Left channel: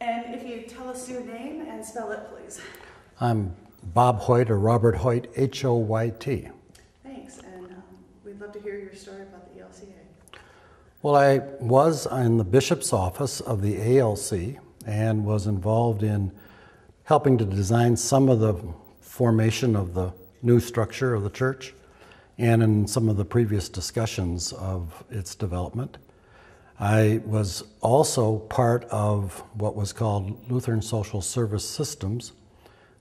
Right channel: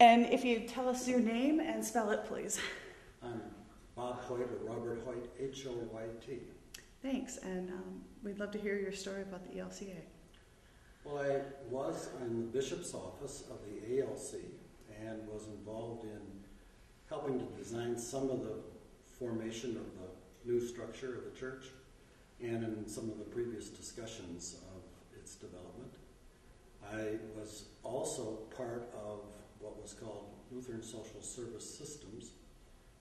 And if you tell us your name and spell it, please. I'm Bob Hoyt, or Robert Hoyt, H-O-Y-T. Thanks, and we'd love to hear your story about the ELCA. Well, I was in the bishop's office of the ALC and was involved in helping to design some of the formation of the new structure of the church and in some of the previous discussions of its development. I was also part of what was called Lutheran Social Service Systems,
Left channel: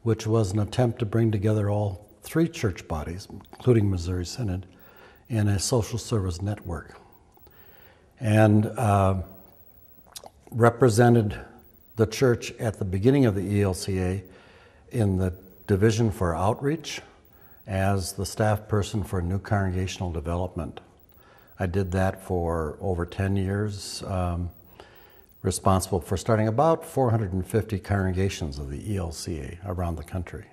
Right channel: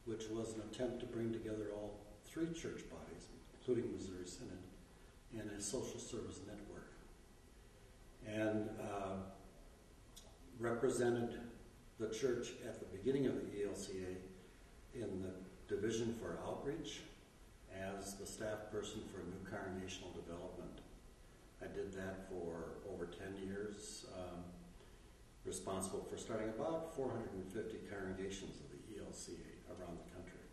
which was an attempt to bring together all three church bodies, including Missouri Synod, in a social service network. And represented the church at the beginning of the ELCA in the Division for Outreach as the staff person for new congregational development. I did that for over 10 years, responsible for starting about 450 congregations of the ELCA around the country.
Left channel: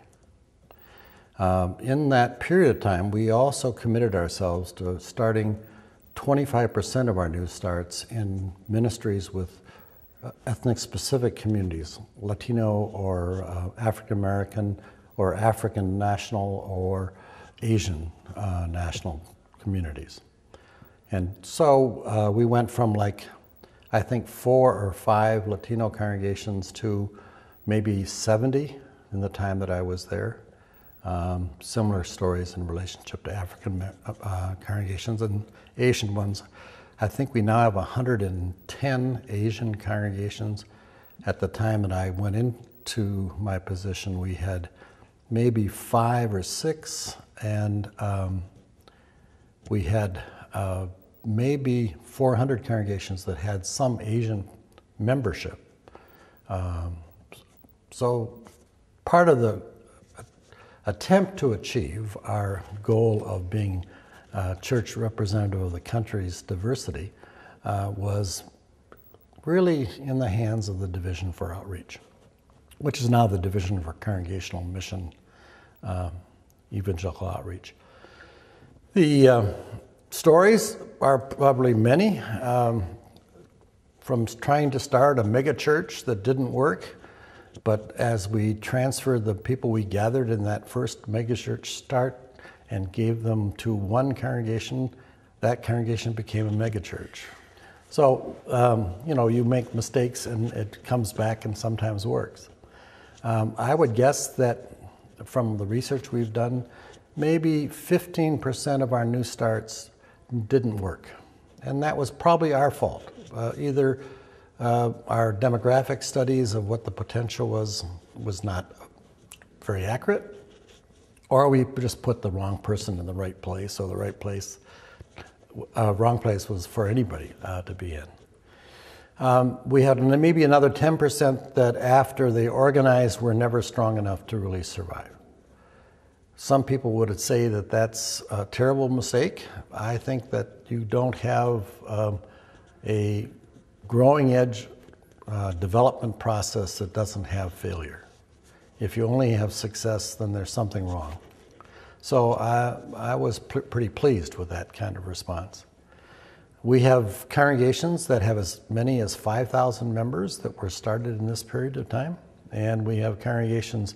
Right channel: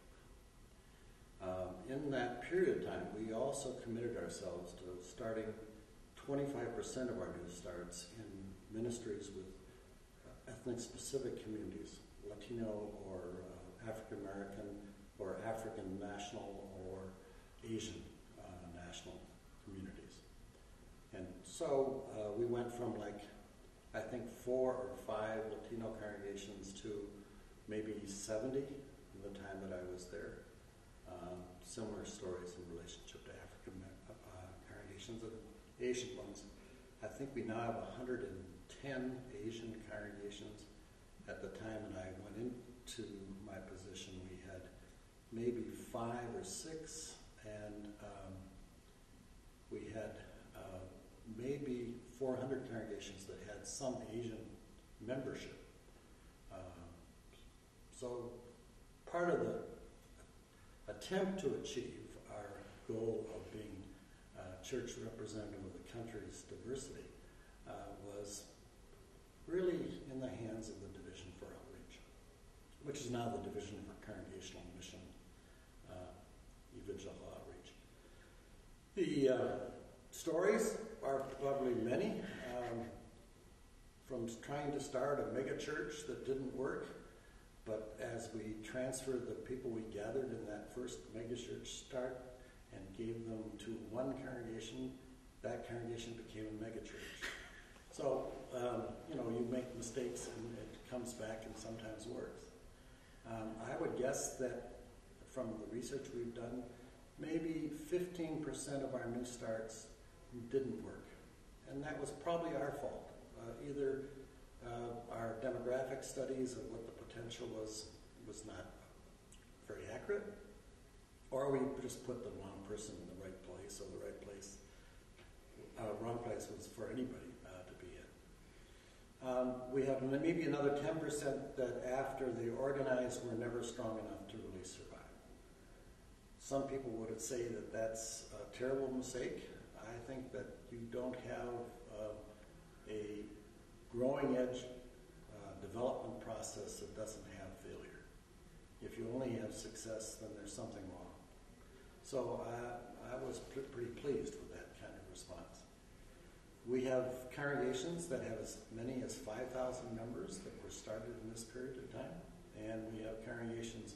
In that period of time, we also committed ourselves to starting 25% of our new starts in ministries with ethnic-specific communities, Latino or African American or African national or Asian national communities. And so we went from I think 4 or 5 Latino congregations to maybe 70 in the time that I was there. Similar stories in relationship to African congregations and Asian ones. I think we now have 110 Asian congregations. At the time that I went into my position, we had maybe 5 or 6, and we had maybe 400 congregations that had some Asian membership. So part of the attempt to achieve our goal of being church representative of the country's diversity was really in the hands of the Division for Outreach, which is now the Division for Congregational Mission Evangelical Outreach. The stories are probably many, from trying to start a mega church that didn't work, but as we transferred the people we gathered in that first mega church start and gave them to one congregation, that congregation became a mega church. So, you make mistakes and it comes back and sometimes works. I would guess that from the research we've done, maybe 15% of our new starts didn't work. And that was probably our fault. Either our demographic studies of what the potential was not very accurate, or we just put the wrong person in the right place, or the right place, wrong place was for anybody to be in. We had maybe another 10% that after they organized were never strong enough to really survive. Some people would say that that's a terrible mistake. I think that you don't have a growing edge development process that doesn't have failure. If you only have success, then there's something wrong. So I was pretty pleased with that kind of response. We have congregations that have as many as 5,000 members that were started in this period of time, and we have congregations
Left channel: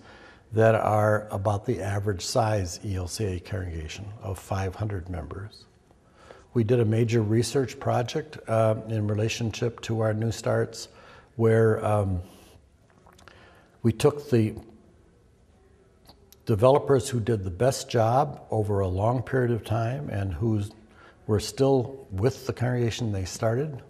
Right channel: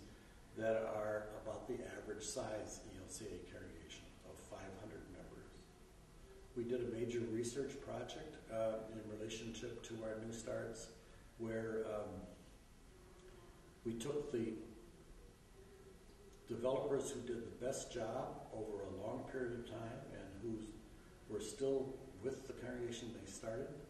that are about the average size ELCA congregation of 500 members. We did a major research project in relationship to our new starts where we took the developers who did the best job over a long period of time and who were still with the congregation they started,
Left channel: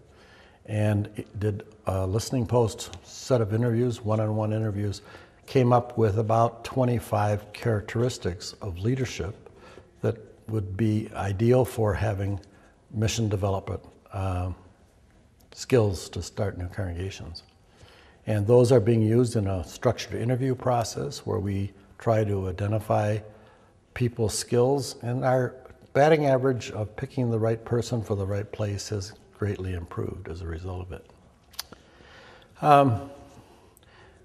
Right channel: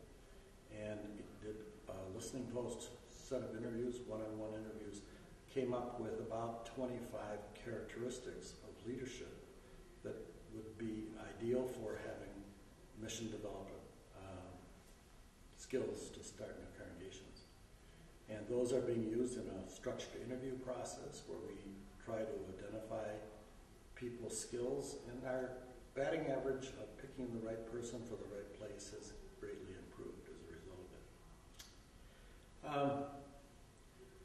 and did a listening post set of interviews, one-on-one interviews, came up with about 25 characteristics of leadership that would be ideal for having mission development skills to start new congregations. And those are being used in a structured interview process where we try to identify people's skills, and our batting average of picking the right person for the right place has greatly improved as a result of it.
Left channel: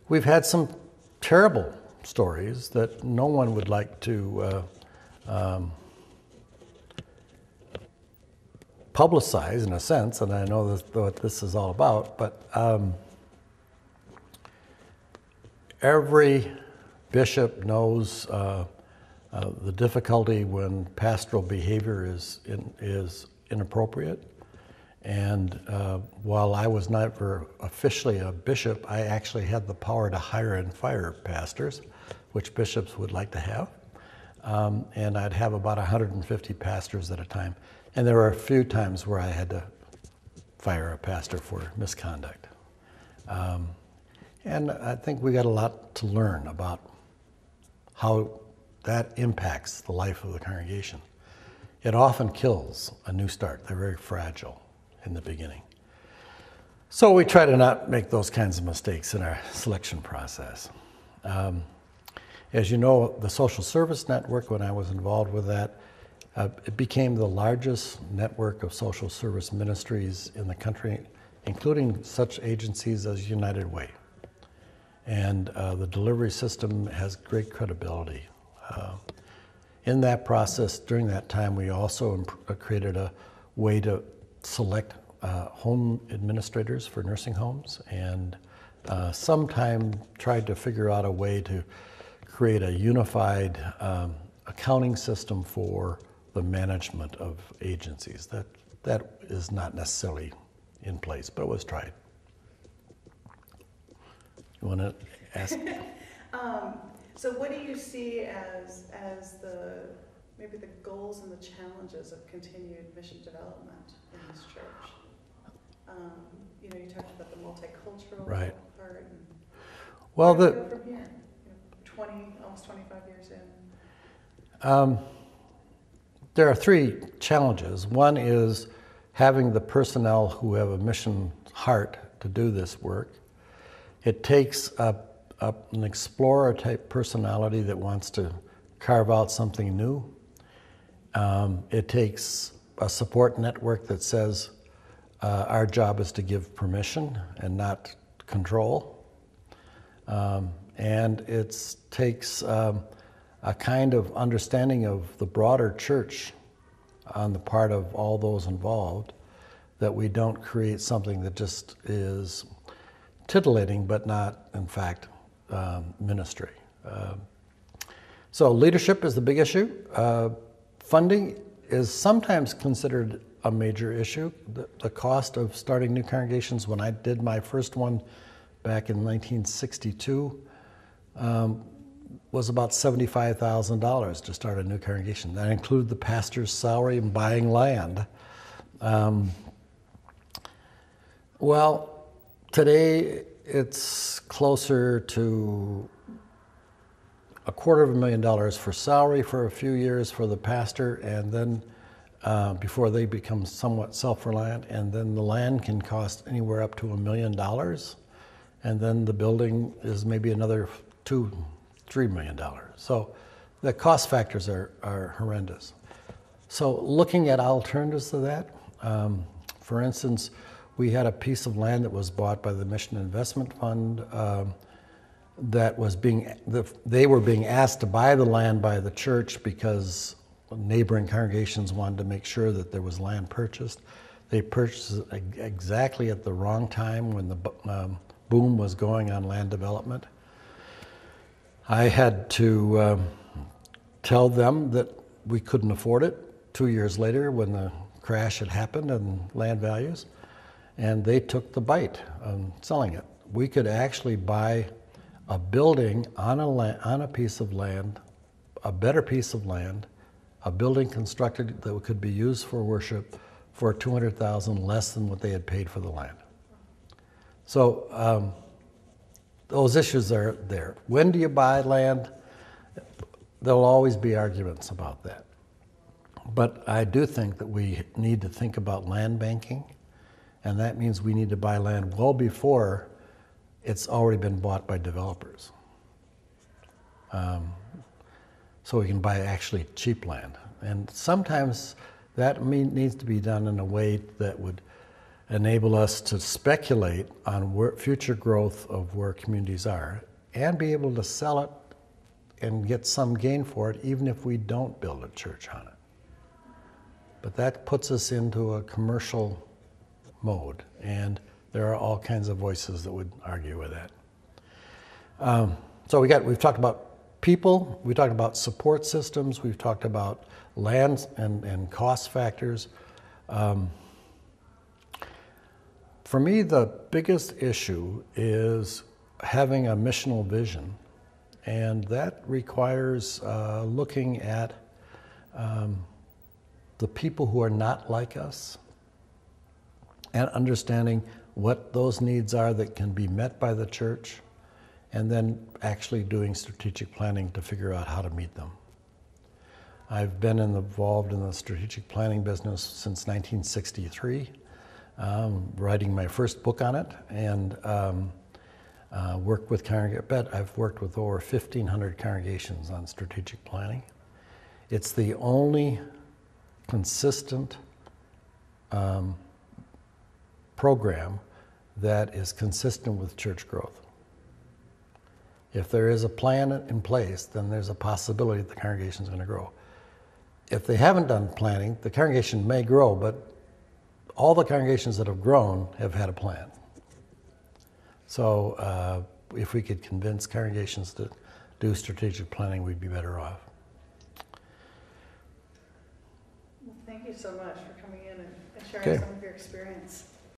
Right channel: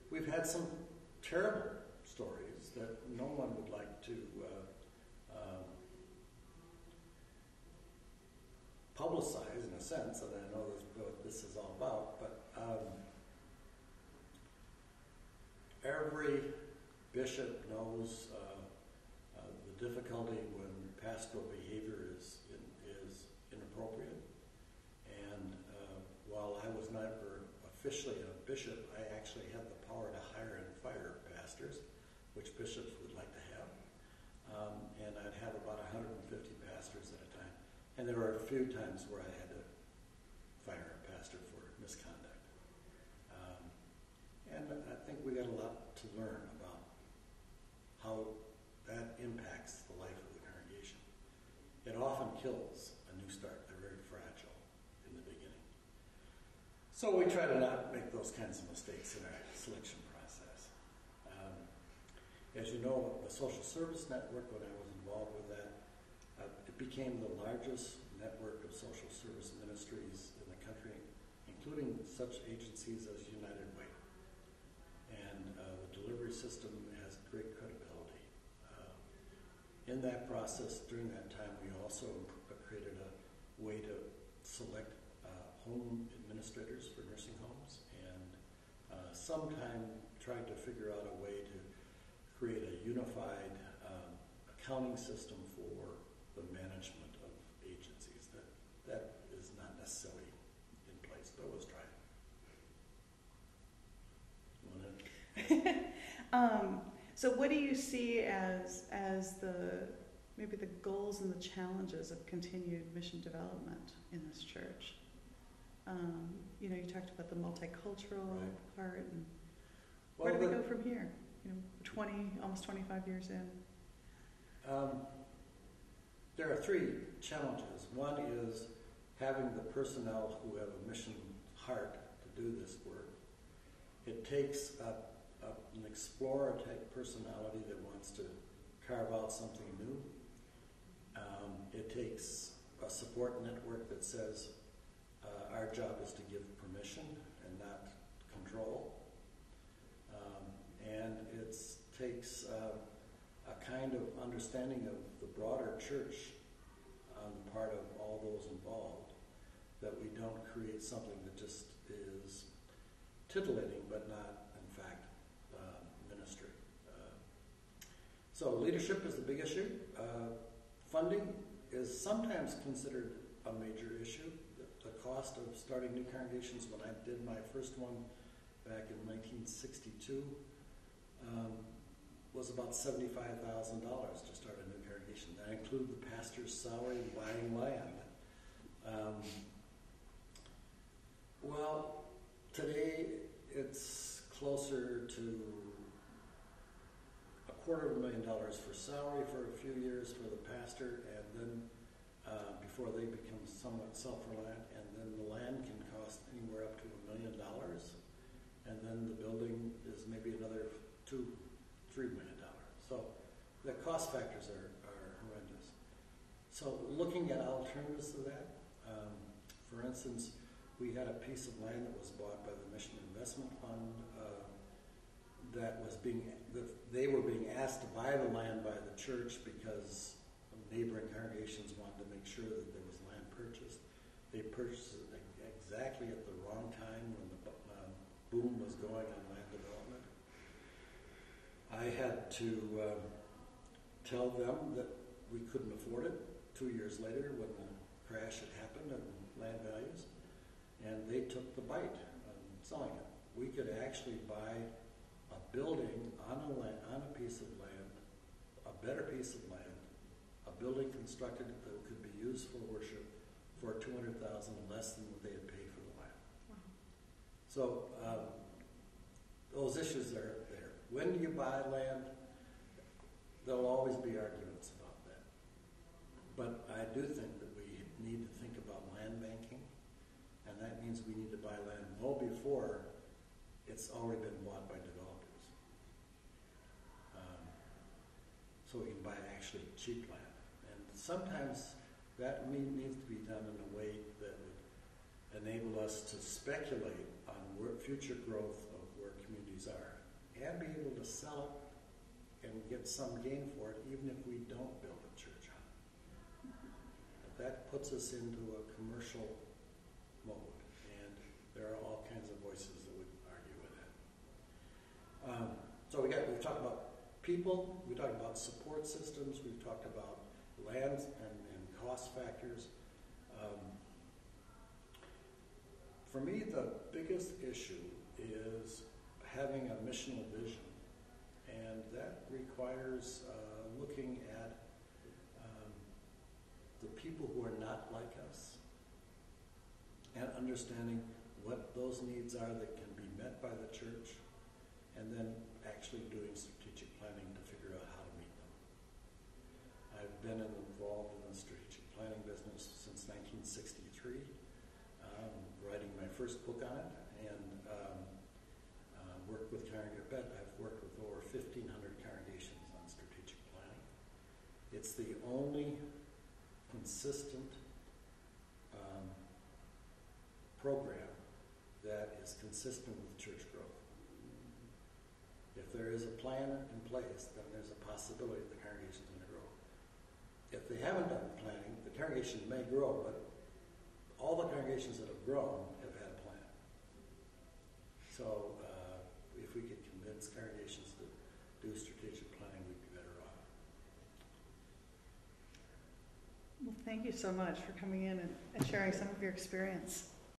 We've had some terrible stories that no one would like to publicize in a sense, and I know what this is all about, but every bishop knows the difficulty when pastoral behavior is inappropriate. And while I was never officially a bishop, I actually had the power to hire and fire pastors, which bishops would like to have. And I'd have about 150 pastors at a time. And there were a few times where I had to fire a pastor for misconduct. And I think we got a lot to learn about how that impacts the life of the congregation. It often kills a new start. They're very fragile in the beginning. So we try to not make those kinds of mistakes in our selection process. As you know, the Social Service Network, when I was involved with that, it became the largest network of social service ministries in the country, including such agencies as United Way. And the delivery system has great credibility. In that process, during that time, we also created a way to select home administrators for nursing homes, and sometime tried to figure out a way to create a unified accounting system for the management of agencies. That is not necessarily in place, but it was tried. You want to ask? So what do you see as maybe the goals and the challenges of continued mission development in this church? You know, you talked about the multicultural part. And well, where do we go from here? You know, almost 25 years in. There are three challenges. One is having the personnel who have a mission heart to do this work. It takes an explorer type personality that wants to carve out something new. It takes a support network that says our job is to give permission and not control. And it takes a kind of understanding of the broader church on the part of all those involved, that we don't create something that just is titillating but not, in fact, ministry. So leadership is the big issue. Funding is sometimes considered a major issue. The cost of starting new congregations, when I did my first one back in 1962, was about $75,000 to start a new congregation. That included the pastor's salary and buying land. Well, today it's closer to $250,000 for salary for a few years for the pastor, and then before they become somewhat self-reliant, and then the land can cost anywhere up to $1 million, and then the building is maybe another $2-3 million. So the cost factors are horrendous. So looking at alternatives to that, for instance, we had a piece of land that was bought by the Mission Investment Fund that was they were being asked to buy the land by the church because neighboring congregations wanted to make sure that there was land purchased. They purchased it exactly at the wrong time when the boom was going on land development. I had to tell them that we couldn't afford it 2 years later when the crash had happened in land values, and they took the bite on selling it. We could actually buy a building on a piece of land, a better piece of land, a building constructed that could be used for worship for $200,000 less than what they had paid for the land. So those issues are there. When do you buy land? There'll always be arguments about that. But I do think that we need to think about land banking, and that means we need to buy land well before it's already been bought by developers. So we can buy actually cheap land. And sometimes that needs to be done in a way that would enable us to speculate on future growth of where communities are and be able to sell it and get some gain for it even if we don't build a church on it. But that puts us into a commercial mode, and there are all kinds of voices that would argue with that. So we've talked about people, we talked about support systems, we've talked about land and cost factors. For me, the biggest issue is having a missional vision, and that requires looking at the people who are not like us and understanding what those needs are that can be met by the church, and then actually doing strategic planning to figure out how to meet them. I've been involved in the strategic planning business since 1963, writing my first book on it, and worked with I've worked with over 1,500 congregations on strategic planning. It's the only consistent program that is consistent with church growth. If there is a plan in place, then there's a possibility that the congregation is going to grow. If they haven't done planning, the congregation may grow, but all the congregations that have grown have had a plan. So if we could convince congregations to do strategic planning, we'd be better off. Well, thank you so much for coming in and sharing some of your experience.